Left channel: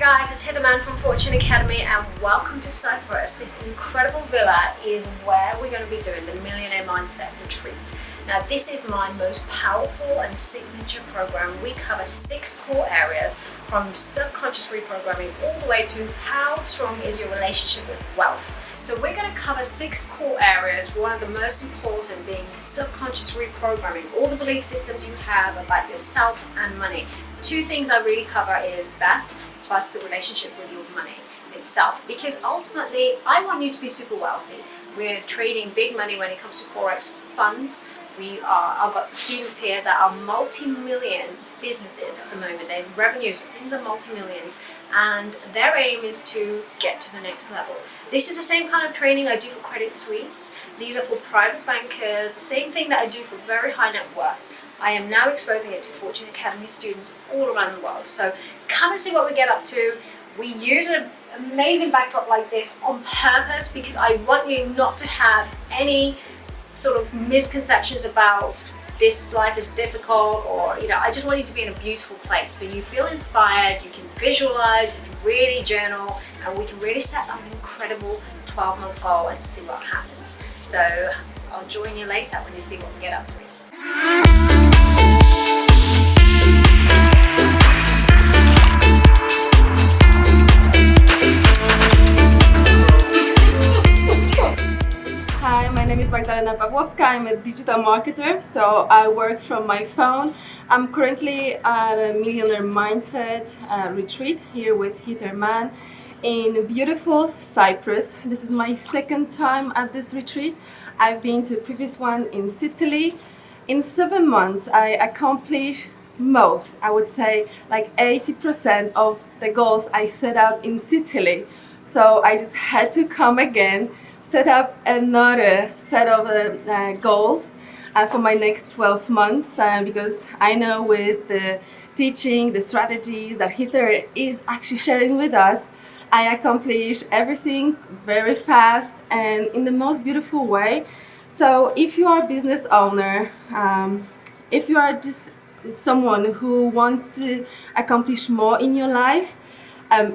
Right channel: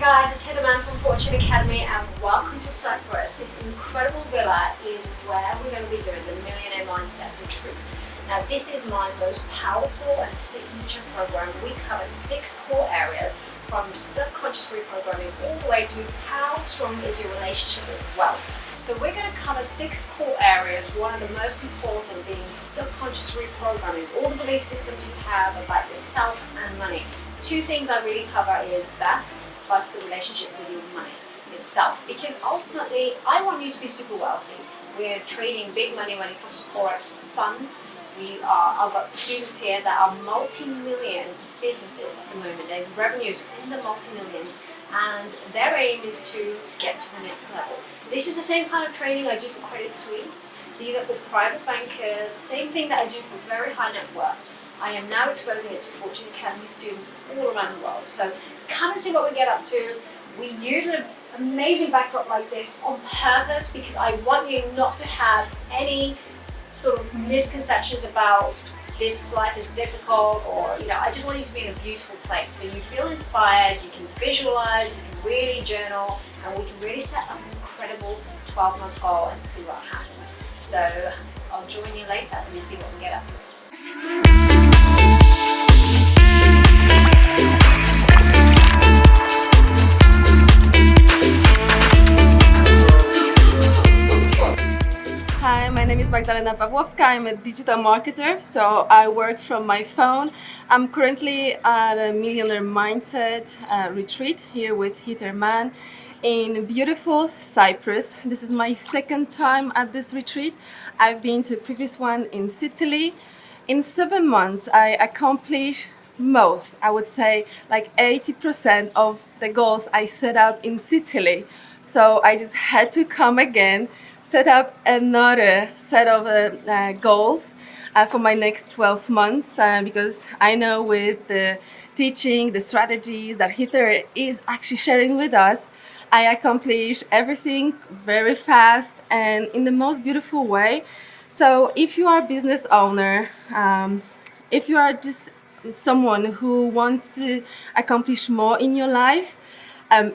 guys, it's Hither Mann from Fortune Academy and welcome to Cyprus. This incredible villa is where we're going to be doing the Millionaire Mindset Retreat. Now this is my most powerful and signature program. We cover 6 core areas from subconscious reprogramming all the way to how strong is your relationship with wealth. So we're going to cover 6 core areas, one of the most important being subconscious reprogramming, all the belief systems you have about yourself and money. The 2 things I really cover is that, plus the relationship with your money itself. Because ultimately, I want you to be super wealthy. We're trading big money when it comes to forex funds. I've got students here that are multi-million businesses at the moment. They have revenues in the multi-millions and their aim is to get to the next level. This is the same kind of training I do for Credit Suisse. These are for private bankers, the same thing that I do for very high net worths. I am now exposing it to Fortune Academy students all around the world. So come and see what we get up to. We use an amazing backdrop like this on purpose because I want you not to have any sort of misconceptions about this life is difficult, or I just want you to be in a beautiful place so you feel inspired, you can visualize, you can really journal, and we can really set an incredible 12-month goal and see what happens. So I'll join you later when you see what we get up to. Hi, my name is Magdalena Pawłowska. I'm a digital marketer, so I work from my phone. I'm currently at a Millionaire Mindset retreat here with Hither Mann in beautiful Cyprus. This is my 2nd time at this retreat. I've been to a previous one in Sicily. In 7 months, I accomplished most, I would say like 80% of the goals I set out in Sicily. So I just had to come again, set up another set of goals for my next 12 months because I know with the teaching, the strategies that Hither is actually sharing with us, I accomplished everything very fast and in the most beautiful way. So if you are a business owner, if you are just someone who wants to accomplish more in your life,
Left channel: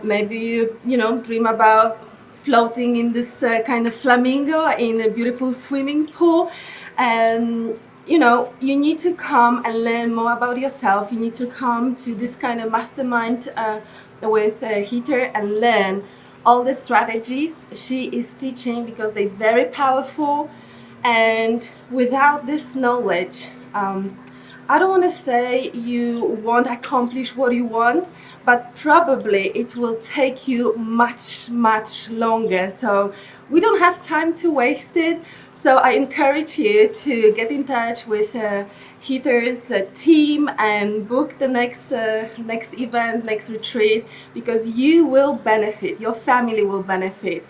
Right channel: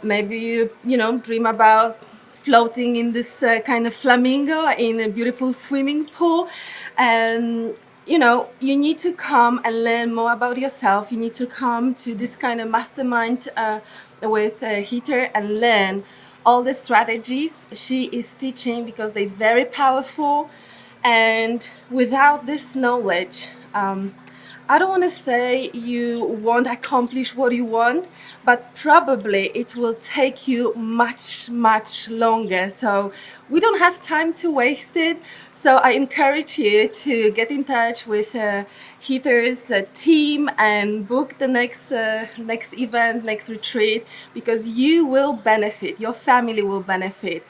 maybe you dream about floating in this kind of flamingo in a beautiful swimming pool, and you need to come and learn more about yourself. You need to come to this kind of mastermind with Hither and learn all the strategies she is teaching because they're very powerful. And without this knowledge, I don't want to say you won't accomplish what you want, but probably it will take you much, much longer. So we don't have time to waste it. So I encourage you to get in touch with Hither's team and book the next event, next retreat, because you will benefit, your family will benefit,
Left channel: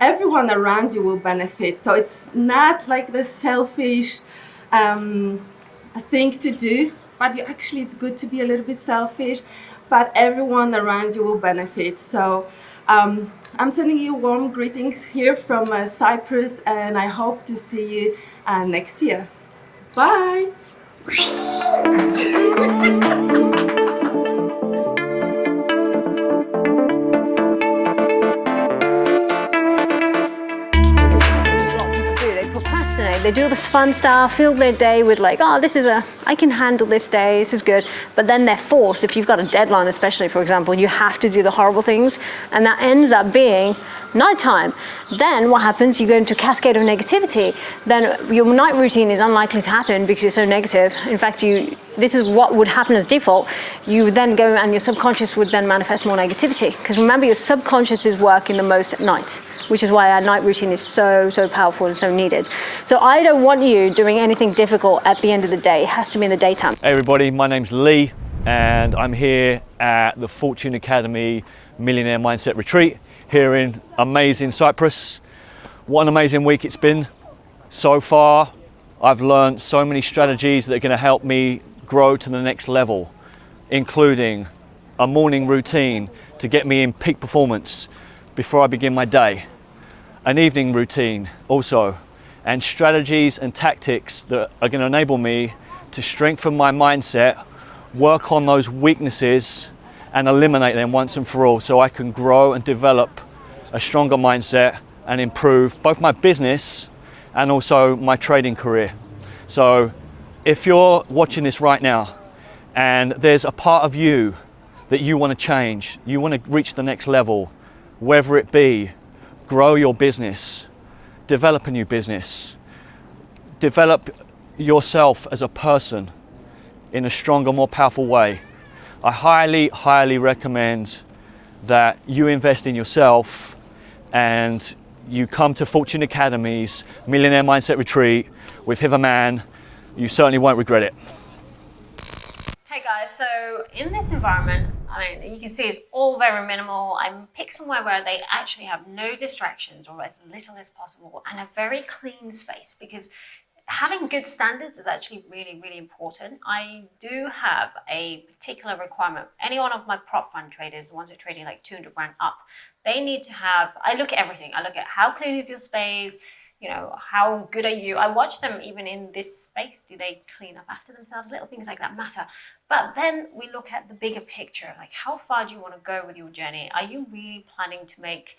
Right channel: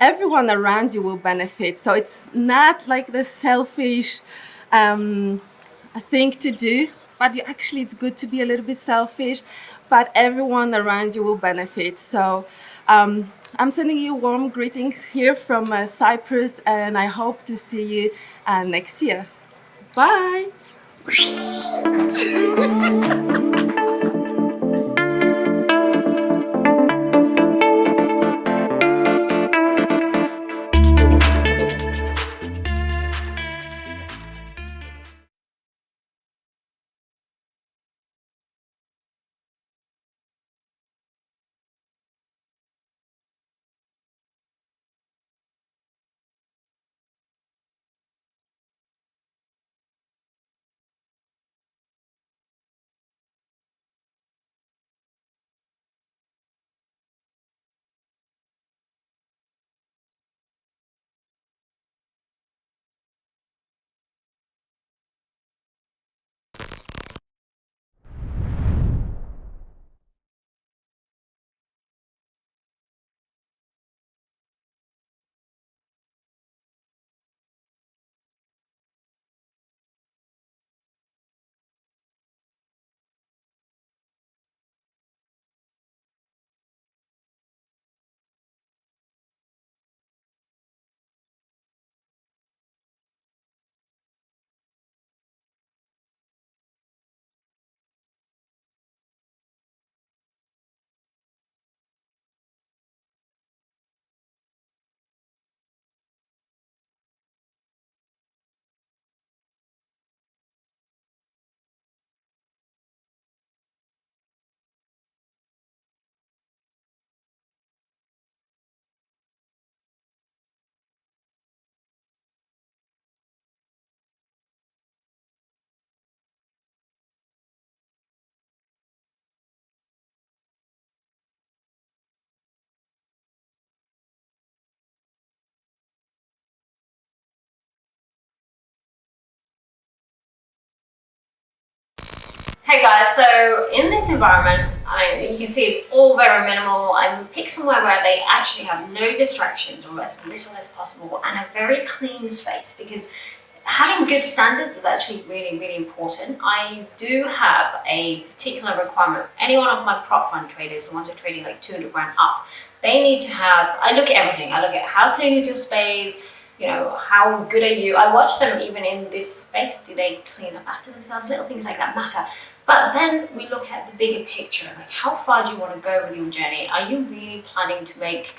everyone around you will benefit. So it's not like the selfish thing to do, but actually it's good to be a little bit selfish, but everyone around you will benefit. So I'm sending you warm greetings here from Cyprus, and I hope to see you next year. Bye. They do this fun stuff, fill their day with like, oh, I can handle this day, this is good. But then they're forced, if you've got a deadline, especially, for example, you have to do the horrible things, and that ends up being nighttime. Then what happens? You go into a cascade of negativity. Then your night routine is unlikely to happen because you're so negative. In fact, this is what would happen as default. You would then go and your subconscious would then manifest more negativity. Because remember, your subconscious is working the most at night, which is why our night routine is so powerful and so needed. So I don't want you doing anything difficult at the end of the day. It has to be in the daytime. Hey everybody, my name's Lee and I'm here at the Fortune Academy Millionaire Mindset Retreat here in amazing Cyprus. What an amazing week it's been so far. I've learned so many strategies that are going to help me grow to the next level, including a morning routine to get me in peak performance before I begin my day, an evening routine also, and strategies and tactics that are going to enable me to strengthen my mindset, work on those weaknesses and eliminate them once and for all so I can grow and develop a stronger mindset and improve both my business and also my trading career. So if you're watching this right now and there's a part of you that you want to change, you want to reach the next level, whether it be grow your business, develop a new business, develop yourself as a person in a stronger, more powerful way, I highly, highly recommend that you invest in yourself and you come to Fortune Academy's Millionaire Mindset Retreat with Hither Mann. You certainly won't regret it. Hey guys, so in this environment, you can see it's all very minimal. I picked somewhere where they actually have no distractions or as little as possible and a very clean space, because having good standards is actually really, really important. I do have a particular requirement. Any one of my prop fund traders, the ones who are trading like 200 grand up, they need to have, I look at everything. I look at how clean is your space, how good are you? I watch them even in this space. Do they clean up after themselves? Little things like that matter. But then we look at the bigger picture, like how far do you want to go with your journey? Are you really planning to make,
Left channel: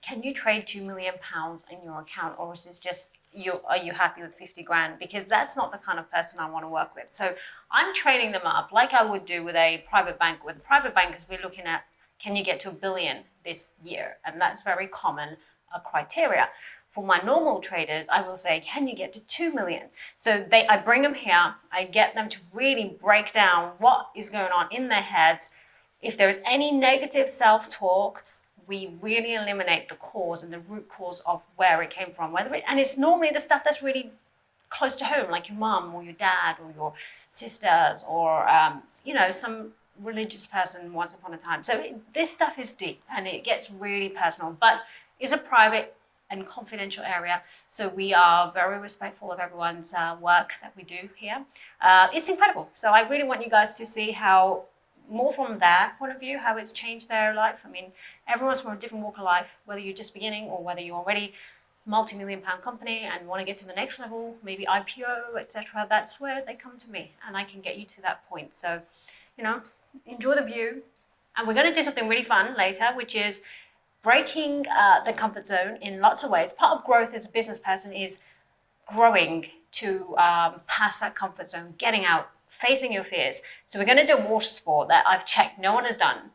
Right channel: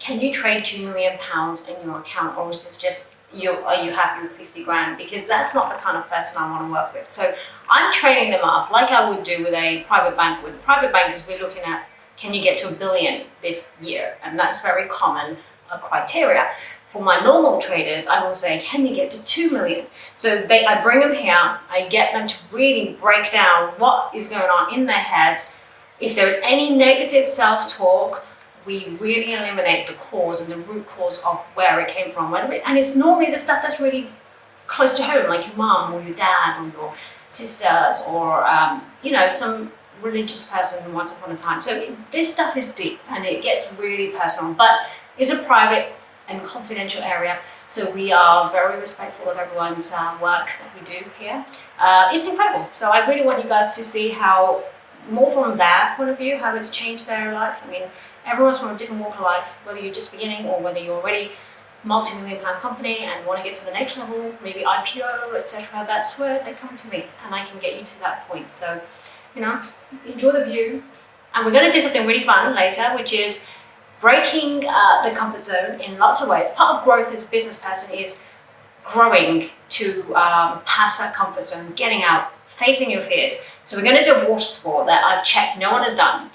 can you trade £2 million in your account, or is this just, are you happy with 50 grand? Because that's not the kind of person I want to work with. So I'm training them up like I would do with a private bank. With private bankers, we're looking at, can you get to $1 billion this year? And that's very common criteria. For my normal traders, I will say, can you get to 2 million? So I bring them here, I get them to really break down what is going on in their heads. If there's any negative self-talk, we really eliminate the cause and the root cause of where it came from. And it's normally the stuff that's really close to home, like your mom or your dad or your sisters or, some religious person once upon a time. So this stuff is deep and it gets really personal, but it's a private and confidential area, so we are very respectful of everyone's work that we do here. It's incredible. So I really want you guys to see how, more from their point of view, how it's changed their life. I mean, everyone's from a different walk of life, whether you're just beginning or whether you're already multi-million-pound company and want to get to the next level, maybe IPO, etc. That's where they come to me, and I can get you to that point. So, enjoy the view. And we're going to do something really fun later, which is breaking the comfort zone in lots of ways. Part of growth as a business person is growing to past that comfort zone, getting out, facing your fears. So we're going to do a water sport that I've checked no one has done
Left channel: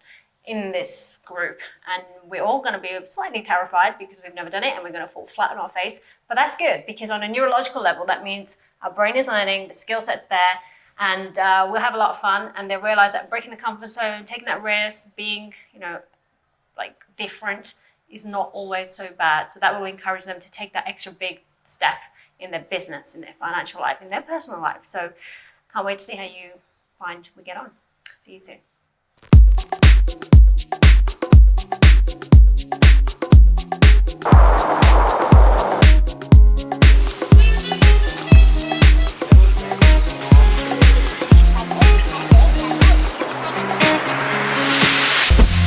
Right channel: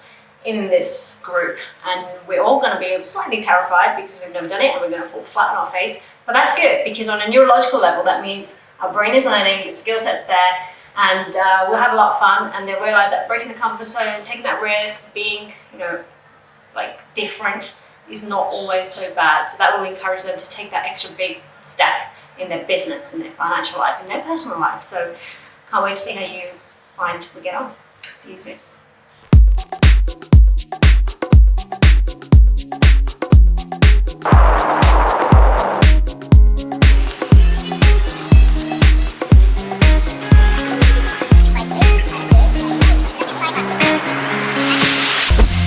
in this group, and we're all going to be slightly terrified because we've never done it and we're going to fall flat on our face. But that's good, because on a neurological level, that means our brain is learning, the skill set's there, and we'll have a lot of fun. And they'll realize that breaking the comfort zone, taking that risk, being, different is not always so bad. So that will encourage them to take that extra big step in their business, in their financial life, in their personal life. So can't wait to see how you find we get on. See you soon.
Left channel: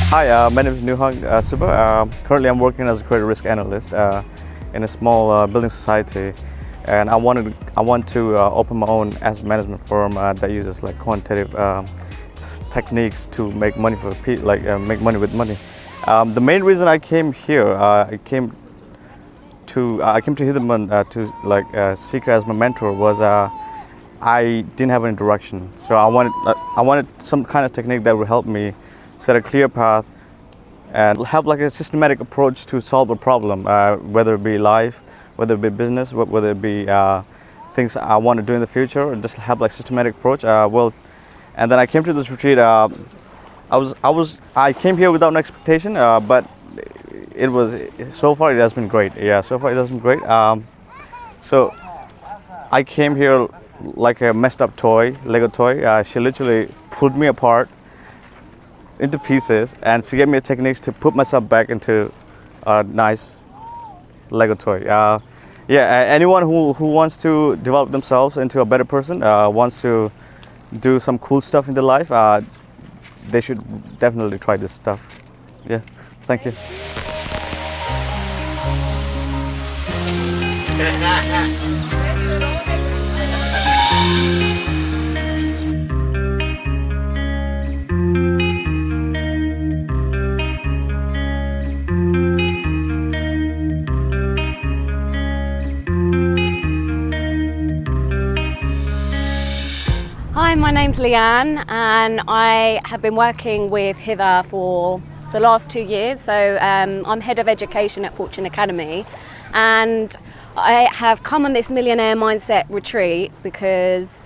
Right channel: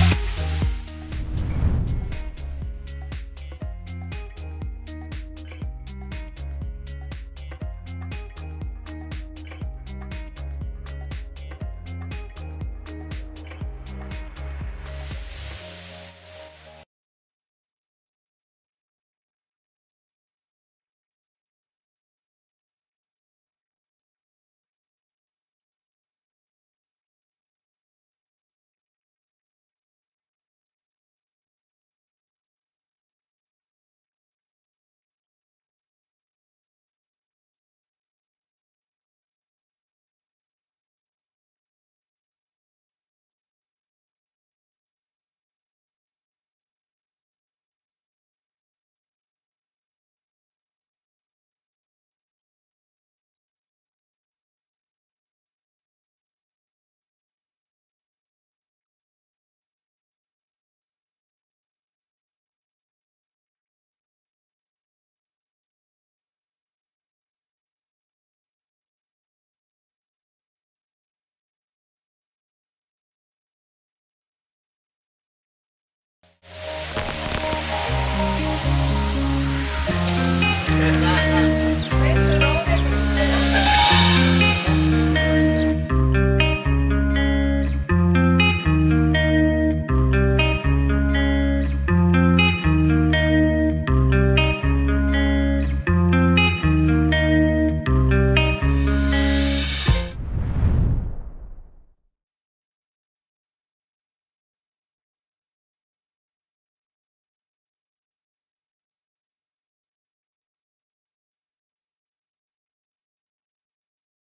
Hi, my name is Nuhang Suba. Currently I'm working as a credit risk analyst in a small building society, and I want to open my own asset management firm that uses quantitative techniques to make money make money with money. The main reason I came here, I came to Hither to seek her as my mentor was I didn't have any direction, so I wanted some kind of technique that would help me set a clear path and have a systematic approach to solve a problem, whether it be life, whether it be business, whether it be things I want to do in the future, or just have systematic approach. And then I came to this retreat. I came here without an expectation, but so far it has been great. Yeah, so far it has been great. So I came here like a messed up toy, Lego toy. She literally pulled me apart into pieces, and she gave me techniques to put myself back into a nice Lego toy. Anyone who wants to develop themselves into a better person, wants to do some cool stuff in their life, they should definitely try this stuff. Yeah, thank you. Leanne, and I have been working with Hither for the last 2 years. So I'm head of education at Fortune Academy, and I have come on this Millionaire Mindset retreat because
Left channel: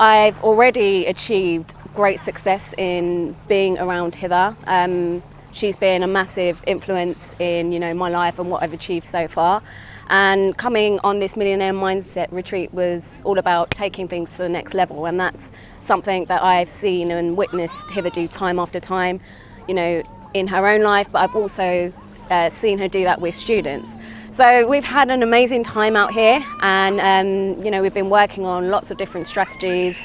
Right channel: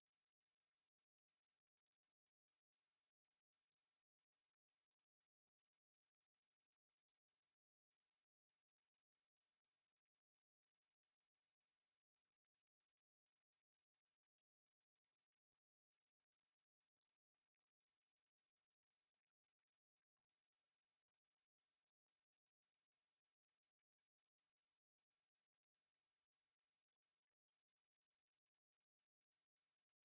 I've already achieved great success in being around Hither. She's been a massive influence in, my life and what I've achieved so far. And coming on this Millionaire Mindset retreat was all about taking things to the next level, and that's something that I've seen and witnessed Hither do time after time, in her own life, but I've also seen her do that with students. So we've had an amazing time out here, and we've been working on lots of different strategies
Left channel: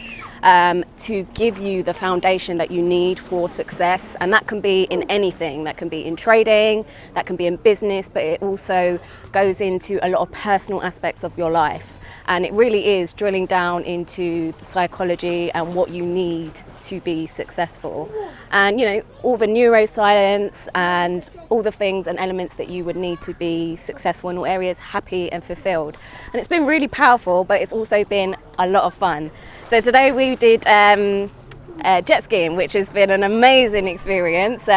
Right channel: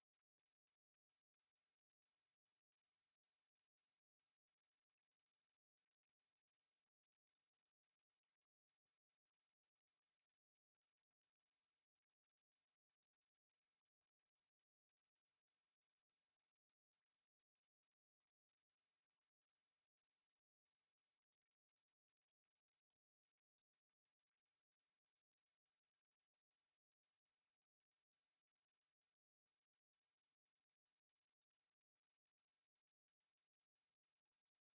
to give you the foundation that you need for success. And that can be in anything. That can be in trading, that can be in business, but it also goes into a lot of personal aspects of your life. And it really is drilling down into the psychology and what you need to be successful. And, all the neuroscience and all the things and elements that you would need to be successful in all areas, happy and fulfilled. And it's been really powerful, but it's also been a lot of fun. So today we did jet skiing, which has been an amazing experience.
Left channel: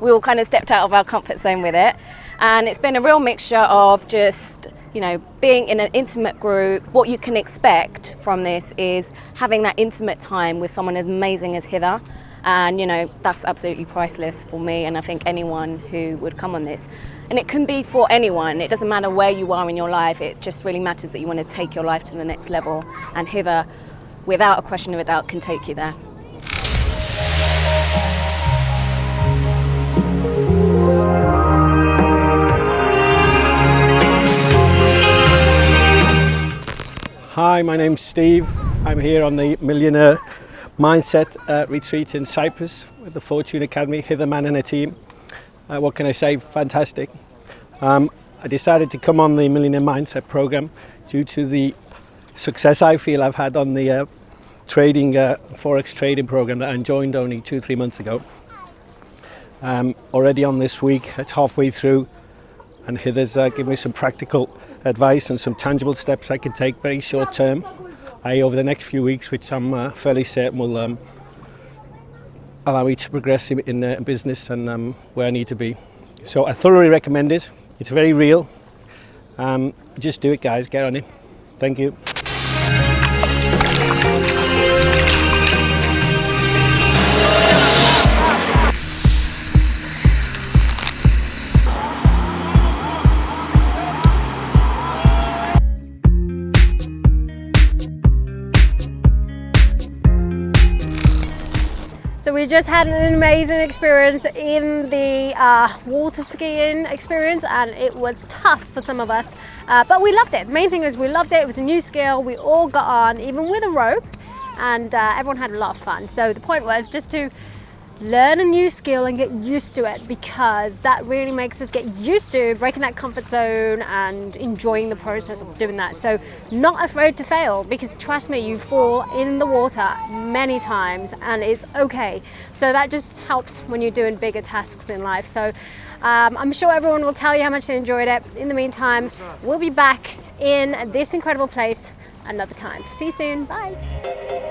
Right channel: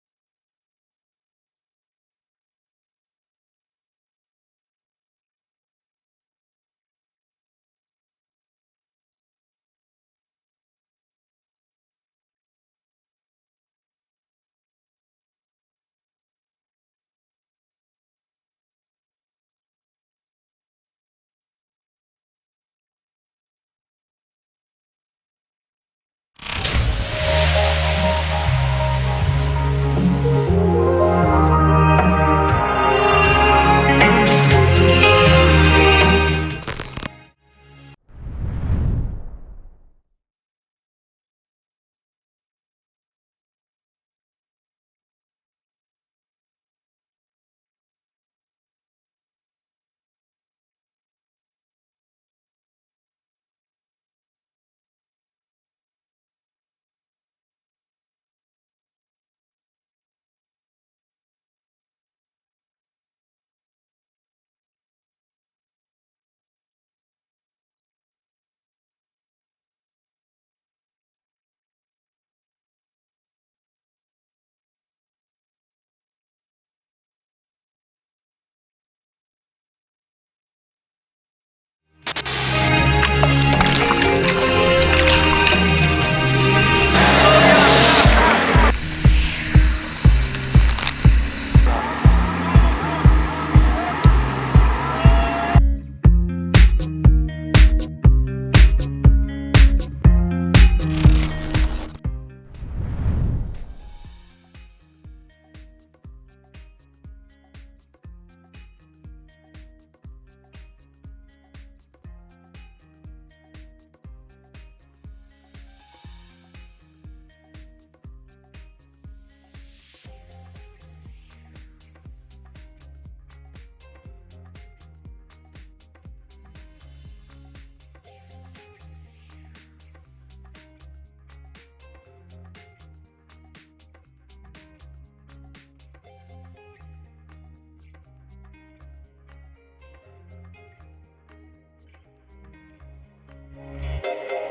We all kind of stepped out of our comfort zone with it. And it's been a real mixture of just being in an intimate group. What you can expect from this is having that intimate time with someone as amazing as Hither. And, that's absolutely priceless for me, and I think anyone who would come on this. And it can be for anyone. It doesn't matter where you are in your life. It just really matters that you want to take your life to the next level. And Hither, without a question of a doubt, can take you there. Hi, my name's Steve. I'm here on the Millionaire Mindset retreat in Cyprus with the Fortune Academy, Hither, Mann and a team. What can I say? Fantastic. I decided to come on the Millionaire Mindset program due to the success I feel I've had on the trading, forex trading program that I joined only 2-3 months ago. Already on this week, it's halfway through, and Hither's given me some practical advice and some tangible steps I can take very short term over the next few weeks, which I'm fairly certain will allow me to progress in business and where I need to be. So I thoroughly recommend it. It's very real. Just do it, guys. Get on it. Thank you. So we just had an amazing experience in the water skiing experience, and it was tough for some of us, but we loved it. The main thing is we loved it. It was a new skill. We all got on, even with a rope, and everyone had a lot of fun. So the point was just to learn a new skill and get used to it, because that really makes us get used to breaking that comfort zone and enjoying the process of doing that. So not afraid to fail, because trust me, you fall in the water many times and it's okay. So that just helps when you're doing bigger tasks in life. So I'm sure everyone will tell you how much they enjoyed it. In the meantime, we'll be back in this incredible place another time. See you soon. Bye.